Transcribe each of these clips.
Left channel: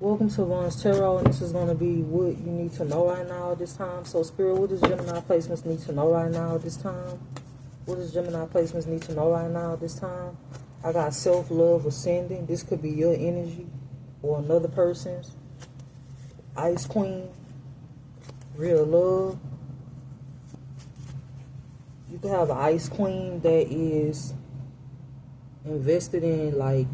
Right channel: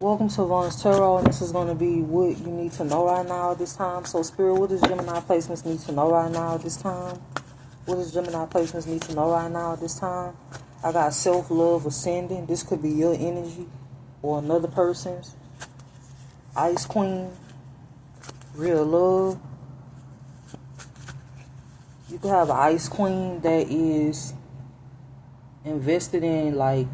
Welcome to Ron's Tarot, and this is going to be what you need to know right now at this time. So, Spirit, what does Gemini placements need to know right now at this time? What does Gemini placements need to know right now at this time? I got self-love ascending. This could be your energy or another person's. Ice Queen. Real love. You could have an Ice Queen that is invested in, like,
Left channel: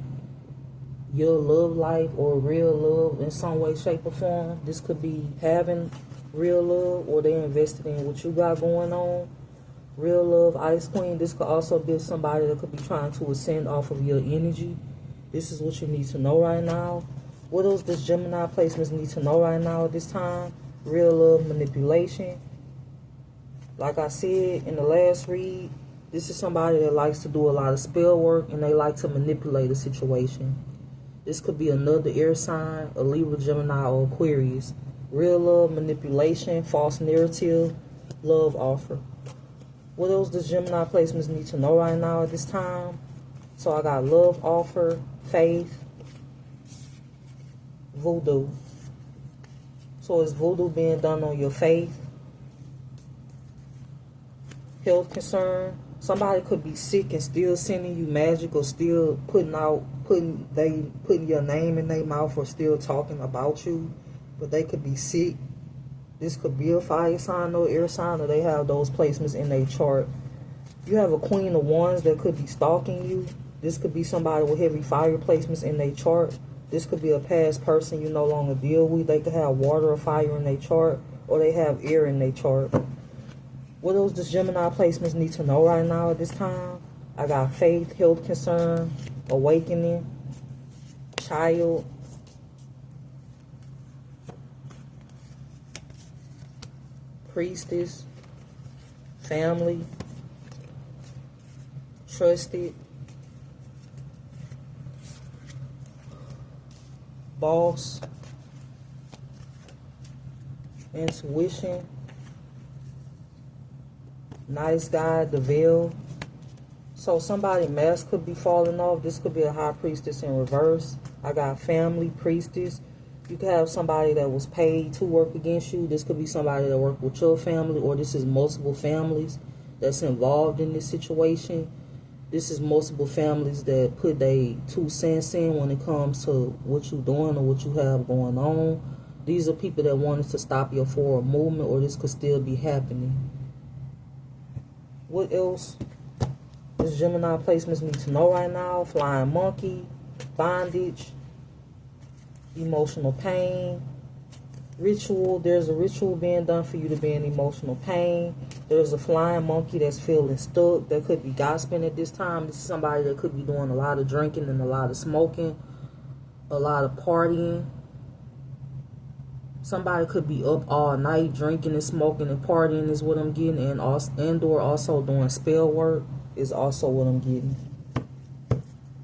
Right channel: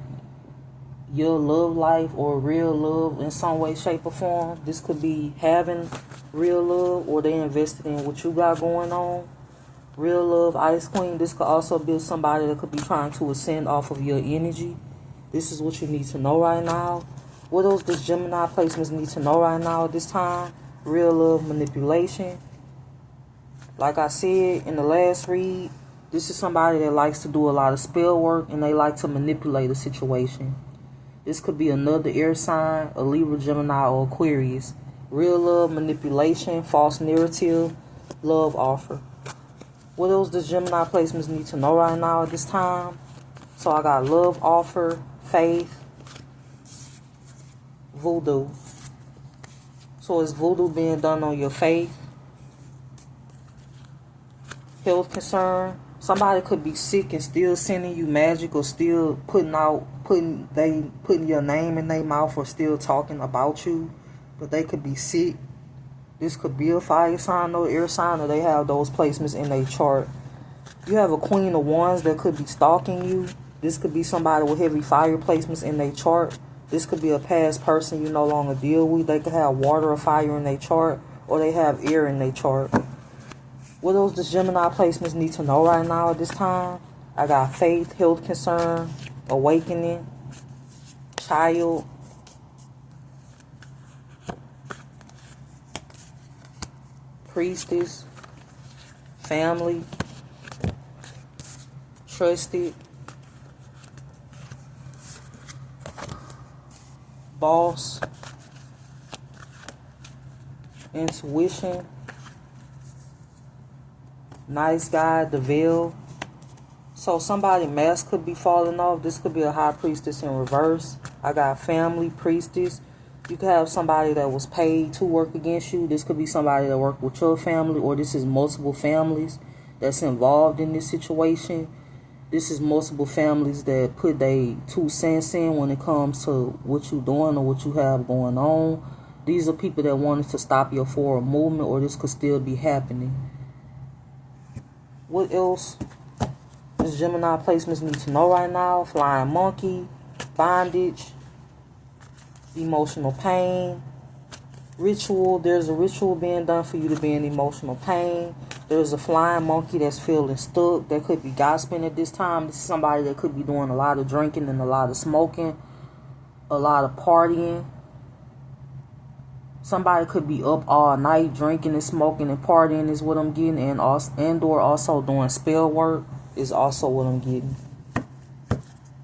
your love life or real love in some way, shape, or form. This could be having real love, or they invested in what you got going on. Real love, Ice Queen. This could also be somebody that could be trying to ascend off of your energy. This is what you need to know right now. What else does Gemini placements need to know right now at this time? Real love, manipulation. Like I said in the last read, this is somebody that likes to do a lot of spell work, and they like to manipulate a situation. This could be another air sign, a Libra, Gemini, or Aquarius. Real love, manipulation, false narrative, love offer. What else does Gemini placements need to know right now at this time? So I got love offer, faith, voodoo. So is voodoo being done on your faith? Health concern. Somebody could be sick and still sending you magic, or still putting your name in their mouth, or still talking about you, but they could be sick. This could be a fire sign or air sign, or they have those placements in their chart. You have a Queen of Wands that could be stalking you. This could be somebody with heavy fire placements in their chart. This could be a past person you no longer deal with. They could have water or fire in their chart, or they have air in their chart. What else does Gemini placements need to know right now at this time? I got faith, health concern, awakening, child, priestess, family, trusted, boss, intuition, nice guy, the veil. So somebody mask could be falling off. This could be a high priestess in reverse. I got family, priestess. You could have somebody that was paid to work against you. This could be somebody that worked with your family, or this is multiple families that's involved in this situation. This is multiple families that put their 2 cents in when it comes to what you're doing or what you have going on. These are people that wanted to stop your forward movement, or this could still be happening. What else does Gemini placements need to know right now? Flying monkey, bondage, emotional pain, ritual. There's a ritual being done for you to be in emotional pain. There's a flying monkey that's feeling stuck. That could be gossiping at this time. This is somebody that could be doing a lot of drinking and a lot of smoking, a lot of partying. Somebody could be up all night drinking and smoking and partying is what I'm getting, and also doing spell work is also what I'm getting.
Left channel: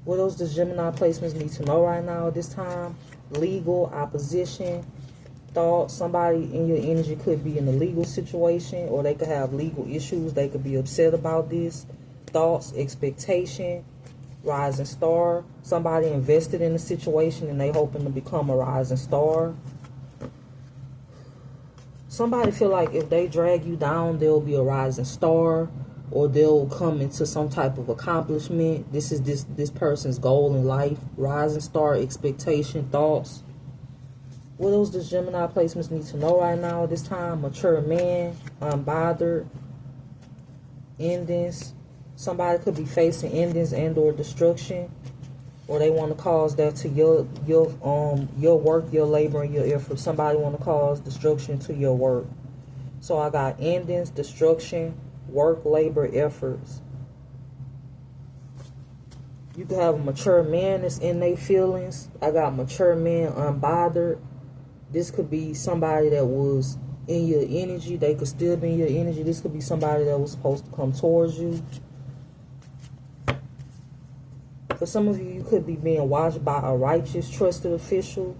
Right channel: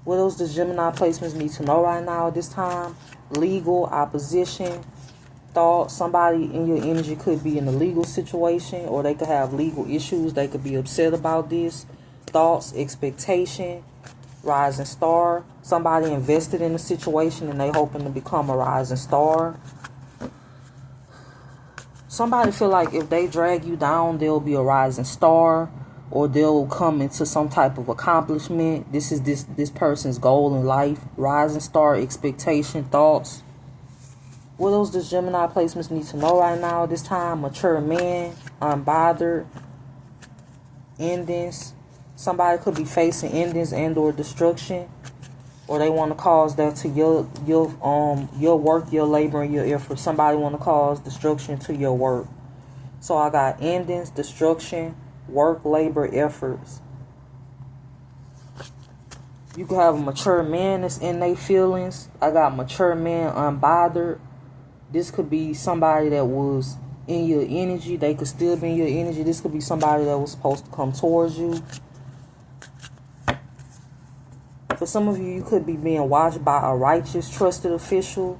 What else does Gemini placements need to know right now at this time? Legal, opposition, thought. Somebody in your energy could be in a legal situation, or they could have legal issues. They could be upset about this. Thoughts, expectation, rising star. Somebody invested in a situation and they hoping to become a rising star. Somebody feel like if they drag you down, they'll be a rising star, or they'll come into some type of accomplishment. This is this person's goal in life. Rising star, expectation, thoughts. What else does Gemini placements need to know right now at this time? Mature man, unbothered, endings. Somebody could be facing endings and or destruction, or they want to cause that to your work, your labor, and your effort. Somebody want to cause destruction to your work. So I got endings, destruction, work, labor, efforts. You can have a mature man that's in their feelings. I got mature man, unbothered. This could be somebody that was in your energy. They could still be in your energy. This could be somebody that was supposed to come towards you. For some of you, you could be being watched by a righteous, trusted official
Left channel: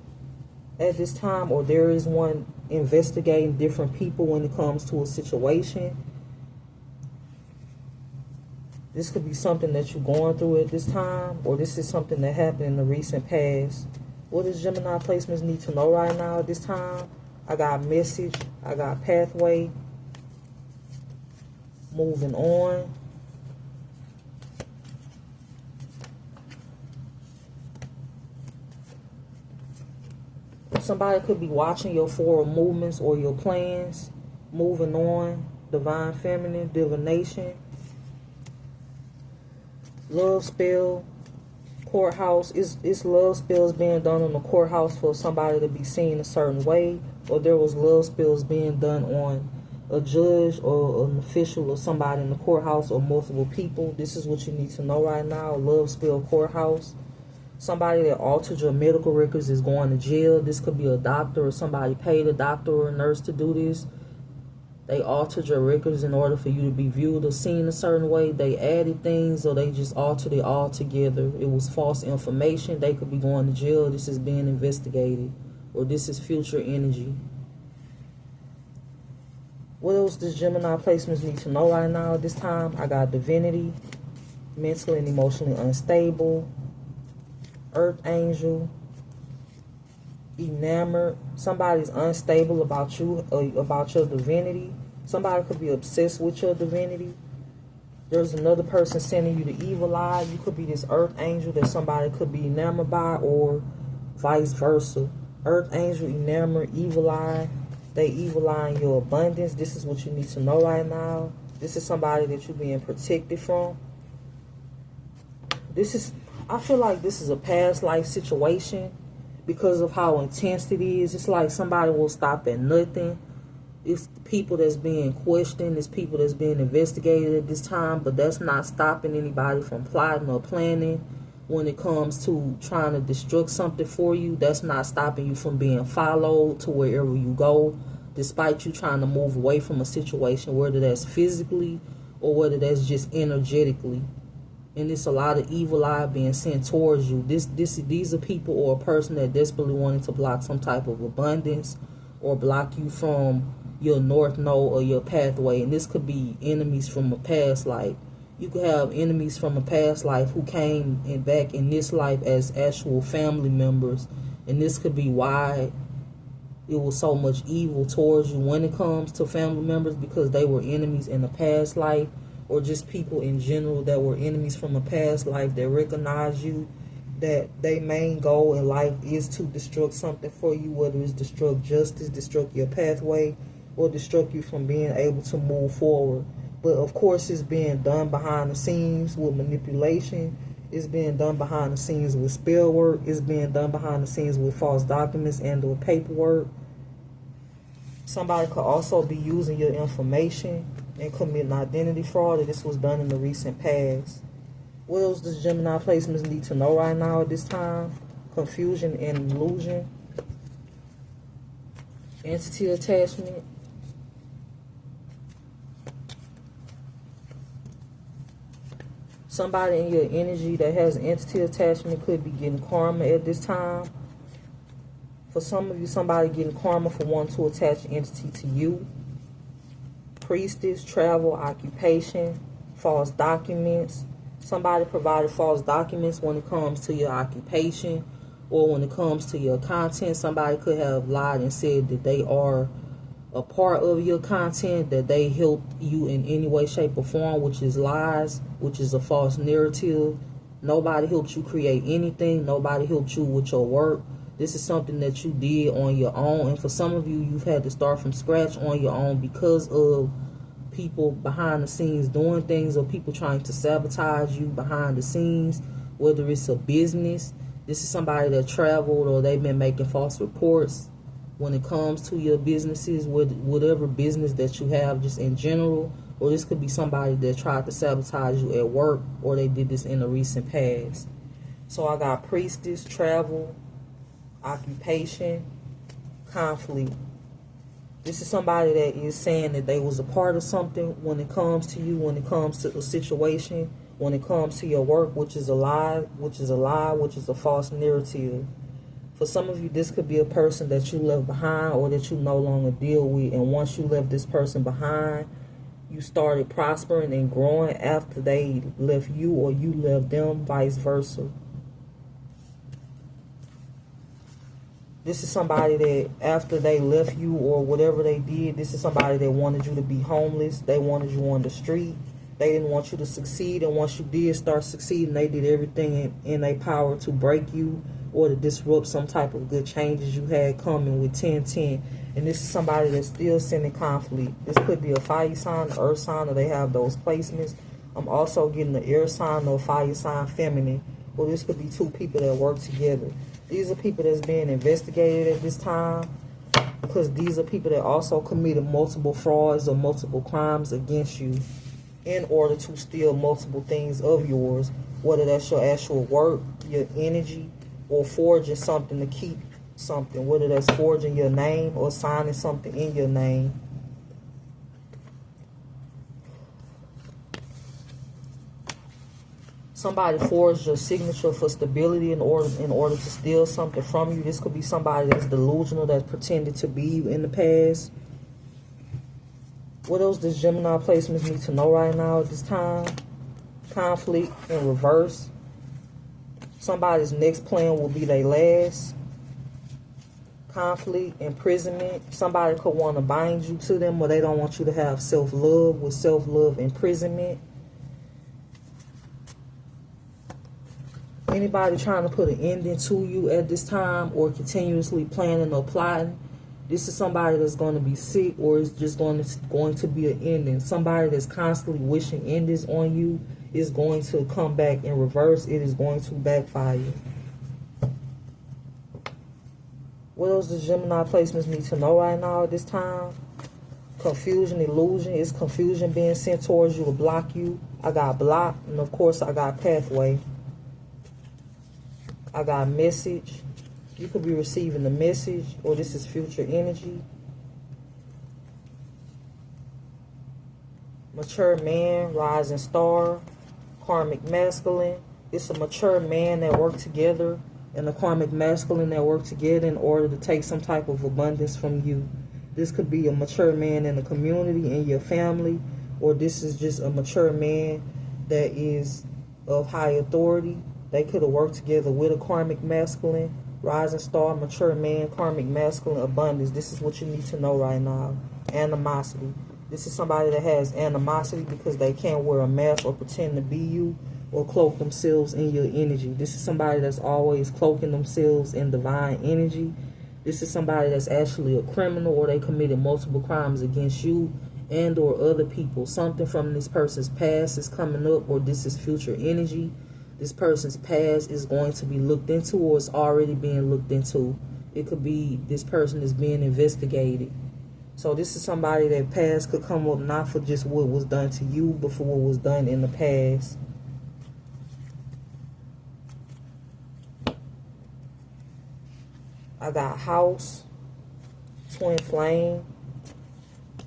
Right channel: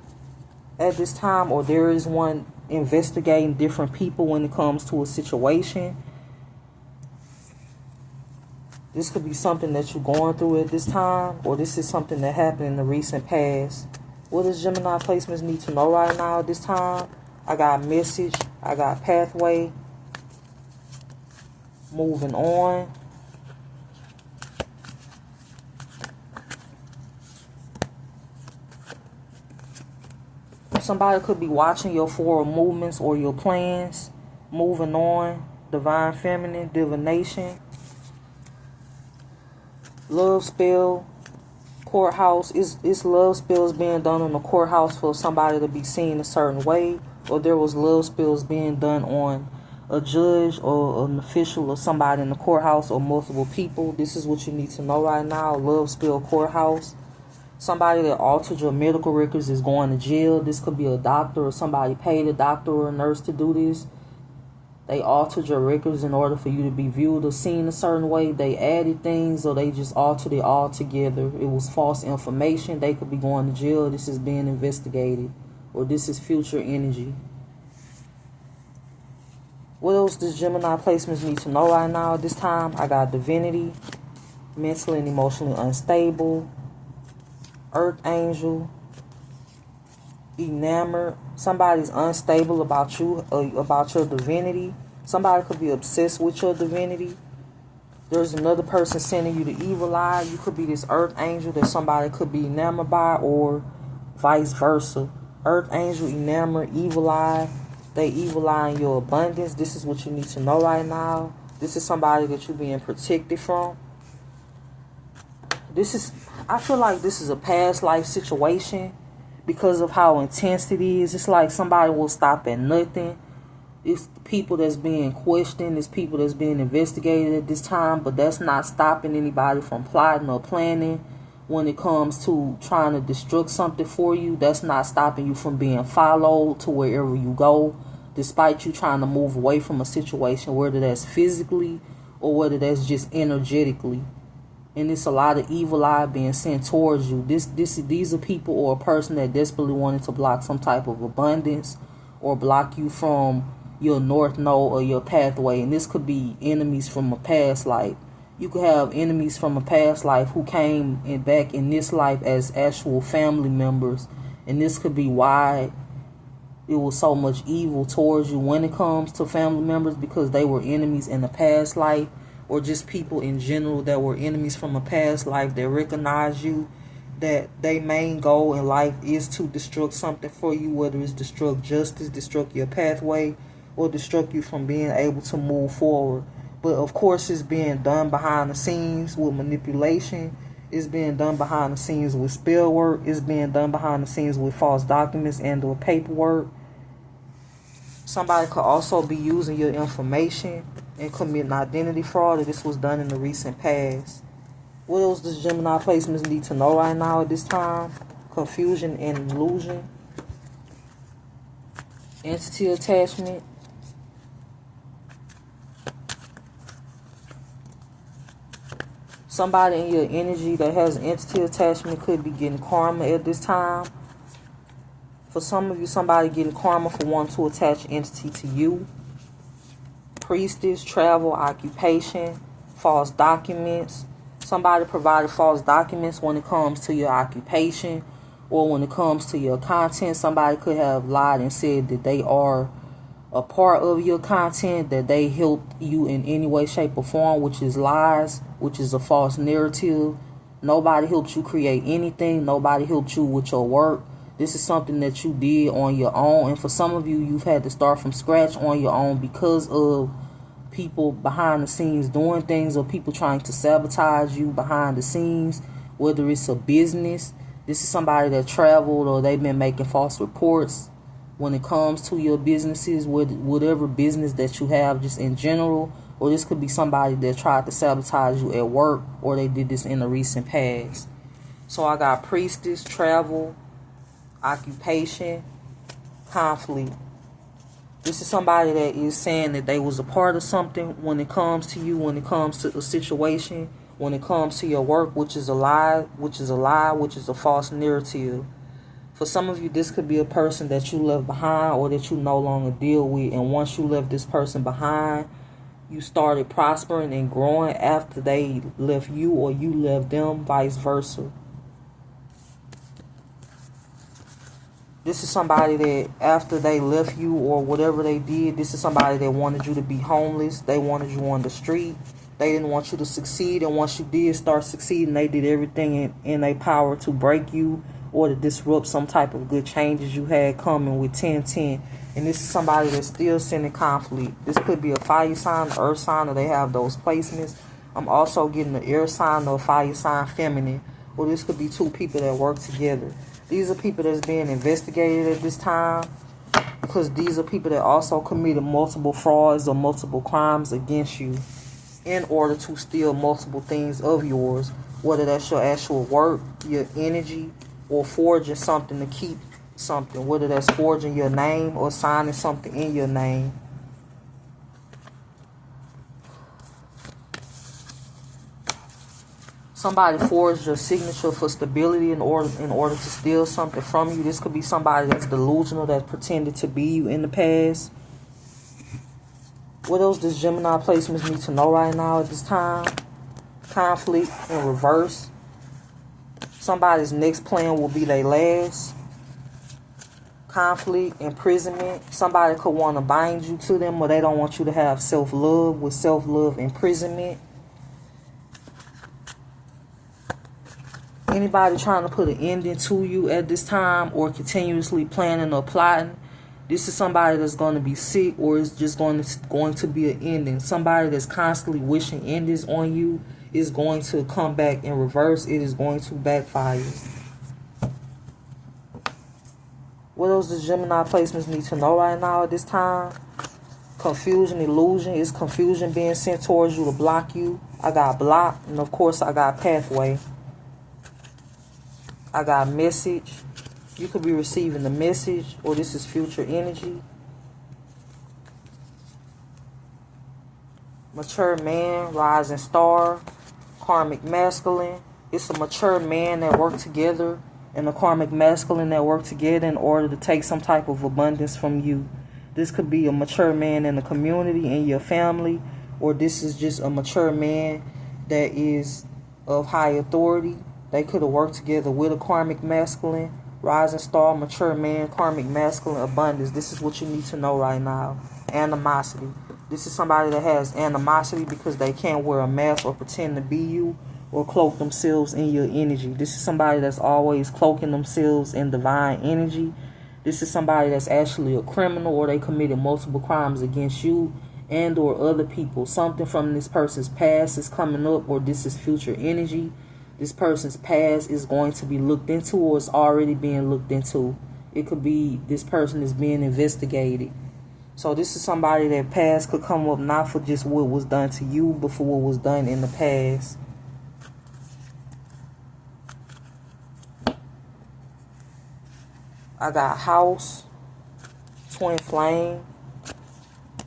at this time, or there is one investigating different people when it comes to a situation. This could be something that you're going through at this time, or this is something that happened in the recent past. What does Gemini placements need to know right now at this time? I got message. I got pathway. Moving on. Somebody could be watching your forward movements or your plans. Moving on. Divine feminine, divination. Love spell. Courthouse. It's love spells being done on the courthouse for somebody to be seen a certain way. Or there was love spells being done on a judge or an official or somebody in the courthouse or multiple people. This is what you need to know right now. Love spell courthouse. Somebody that altered your medical records is going to jail. This could be a doctor or somebody paid a doctor or a nurse to do this. They altered your records in order for you to be viewed or seen a certain way. They added things or they just altered it all together. It was false information. They could be going to jail. This is being investigated. Or this is future energy. What else does Gemini placements need to know right now at this time? I got divinity, mentally and emotionally unstable, earth angel, enamored. Somebody's unstable about you, about your divinity. Somebody could be obsessed with your divinity. There's another person sending you the evil eye. You could be this earth angel that somebody could be enamored by, or vice versa. Earth angel, enamored, evil eye. They evil eye in your abundance. This is what you need to know right now. This is somebody that you're being protected from. I feel like this is a past life situation because of how intense it is. It's like somebody will stop at nothing. It's people that's being questioned. It's people that's being investigated at this time, but that's not stopping anybody from plotting or planning. When it comes to trying to destruct something for you, that's not stopping you from being followed to wherever you go, despite you trying to move away from a situation, whether that's physically or whether that's just energetically. And it's a lot of evil eye being sent towards you. These are people or a person that desperately wanted to block some type of abundance or block you from your north node or your pathway. And this could be enemies from a past life. You could have enemies from a past life who came back in this life as actual family members. And this could be why it was so much evil towards you when it comes to family members, because they were enemies in a past life, or just people in general that were enemies from a past life that recognize you, that their main goal in life is to destruct something for you, whether it's destruct justice, destruct your pathway, or destruct you from being able to move forward. But of course, it's being done behind the scenes with manipulation. It's being done behind the scenes with spell work. It's being done behind the scenes with false documents and or paperwork. Somebody could also be using your information and committing identity fraud, and this was done in the recent past. What else does Gemini placements need to know right now at this time? Confusion and illusion. Entity attachment. Somebody in your energy that has entity attachment could be getting karma at this time. For some of you, somebody getting karma for wanting to attach entity to you. Priestess, travel, occupation, false documents. Somebody provided false documents when it comes to your occupation or when it comes to your content. Somebody could have lied and said that they are a part of your content, that they help you in any way, shape, or form, which is lies, which is a false narrative. Nobody helped you create anything. Nobody helped you with your work. This is something that you did on your own. And for some of you, you've had to start from scratch on your own because of people behind the scenes doing things, or people trying to sabotage you behind the scenes, whether it's a business. This is somebody that traveled, or they've been making false reports when it comes to your businesses, whatever business that you have, just in general. Or this could be somebody that tried to sabotage you at work, or they did this in the recent past. So I got priestess, travel, occupation, conflict. This is somebody that is saying that they was a part of something when it comes to you, when it comes to a situation, when it comes to your work, which is a lie, which is a false narrative. For some of you, this could be a person that you left behind or that you no longer deal with. And once you left this person behind, you started prospering and growing after they left you or you left them, vice versa. This is somebody that after they left you or whatever they did, this is somebody that wanted you to be homeless. They wanted you on the street. They didn't want you to succeed. And once you did start succeeding, they did everything in their power to break you or to disrupt some type of good changes you had coming with 1010. And this is somebody that's still sending conflict. This could be a fire sign, earth sign, or they have those placements. I'm also getting the air sign or fire sign feminine. Or this could be two people that work together. These are people that's being investigated at this time, because these are people that also committed multiple frauds or multiple crimes against you in order to steal multiple things of yours, whether that's your actual work, your energy, or forging something to keep something, whether that's forging your name or signing something in your name. Somebody forged your signature for stability in order to steal something from you. This could be somebody that's delusional, that's pretended to be you in the past. What else does Gemini placements need to know right now at this time? Conflict in reverse. Somebody's next plan will be their last. Conflict, imprisonment. Somebody could want to bind you to them, or they don't want you to have self-love. With self-love, imprisonment. Anybody trying to put an ending to you at this time, or continuously planning or plotting, this is somebody that's going to be sick, or is just going to be an ending. Somebody that's constantly wishing endings on you is going to come back in reverse. It is going to backfire. What else does Gemini placements need to know right now at this time? Confusion, illusion. Is confusion being sent towards you to block you? I got block, and of course I got pathway. I got message. You could be receiving the message, or this is future energy. Mature man, rising star, karmic masculine. It's a mature man that work together and a karmic masculine that work together in order to take some type of abundance from you. This could be a mature man in the community, in your family, or this is just a mature man that is of high authority. They could have worked together with a karmic masculine, rising star, mature man, karmic masculine, abundance. This is what you need to know right now. Animosity. This is somebody that has animosity because they can't wear a mask or pretend to be you or cloak themselves in your energy. This is somebody that's always cloaking themselves in divine energy. This is somebody that's actually a criminal, or they committed multiple crimes against you and or other people. Something from this person's past is coming up, or this is future energy. This person's past is going to be looked into, or it's already being looked into. It could be this person is being investigated. So this is somebody that past could come up not for just what was done to you, but for what was done in the past. I got house, twin flame.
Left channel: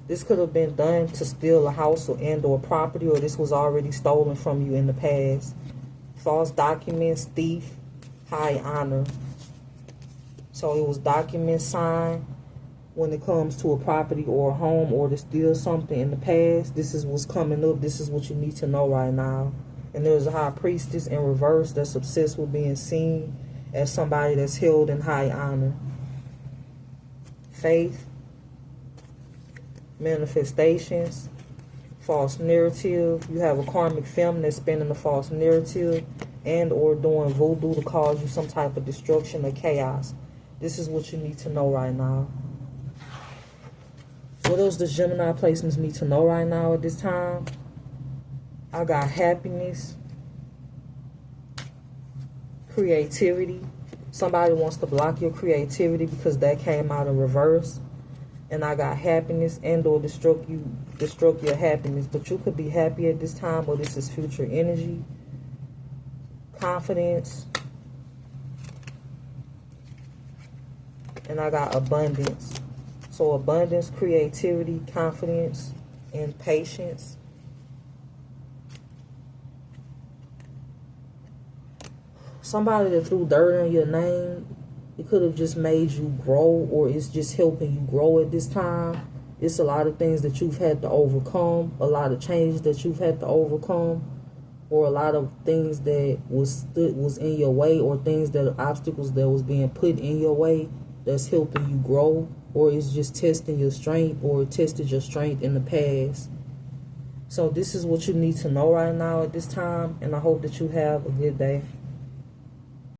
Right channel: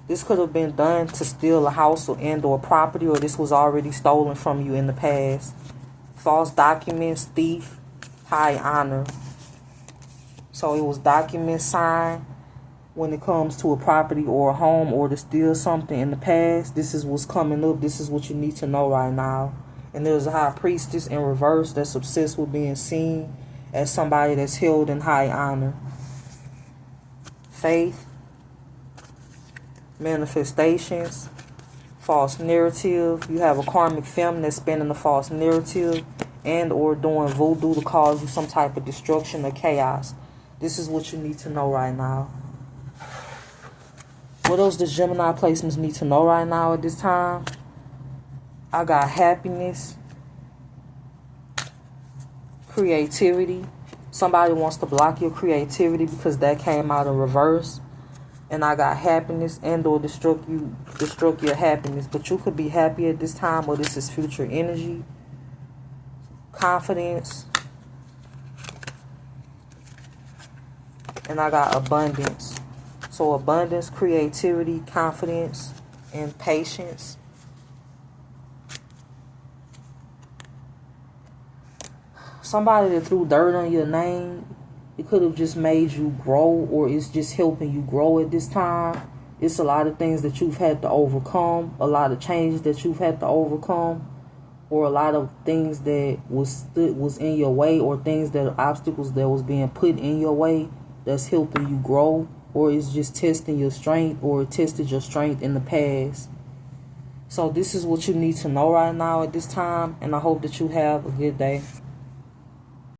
This could have been done to steal a house or property, or this was already stolen from you in the past. False documents, thief, high honor. So it was document signed when it comes to a property or a home, or to steal something in the past. This is what's coming up. This is what you need to know right now. And there's a high priestess in reverse that's obsessed with being seen as somebody that's held in high honor. Faith, manifestations, false narrative. You have a karmic feminine that's spinning a false narrative and or doing voodoo to cause you some type of destruction or chaos. This is what you need to know right now. What else does Gemini placements need to know right now at this time? I got happiness, creativity. Somebody wants to block your creativity because that came out in reverse. And I got happiness and or destruct your happiness. But you could be happy at this time, or this is future energy. Confidence. And I got abundance. So abundance, creativity, confidence, and patience. Somebody that threw dirt on your name, it could have just made you grow, or it's just helping you grow at this time. It's a lot of things that you've had to overcome, a lot of changes that you've had to overcome, or a lot of things that was in your way, or things that obstacles that was being put in your way that's helping you grow, or it's just testing your strength, or tested your strength in the past. So this is what you need to know right now at this time, and I hope that you have a good day.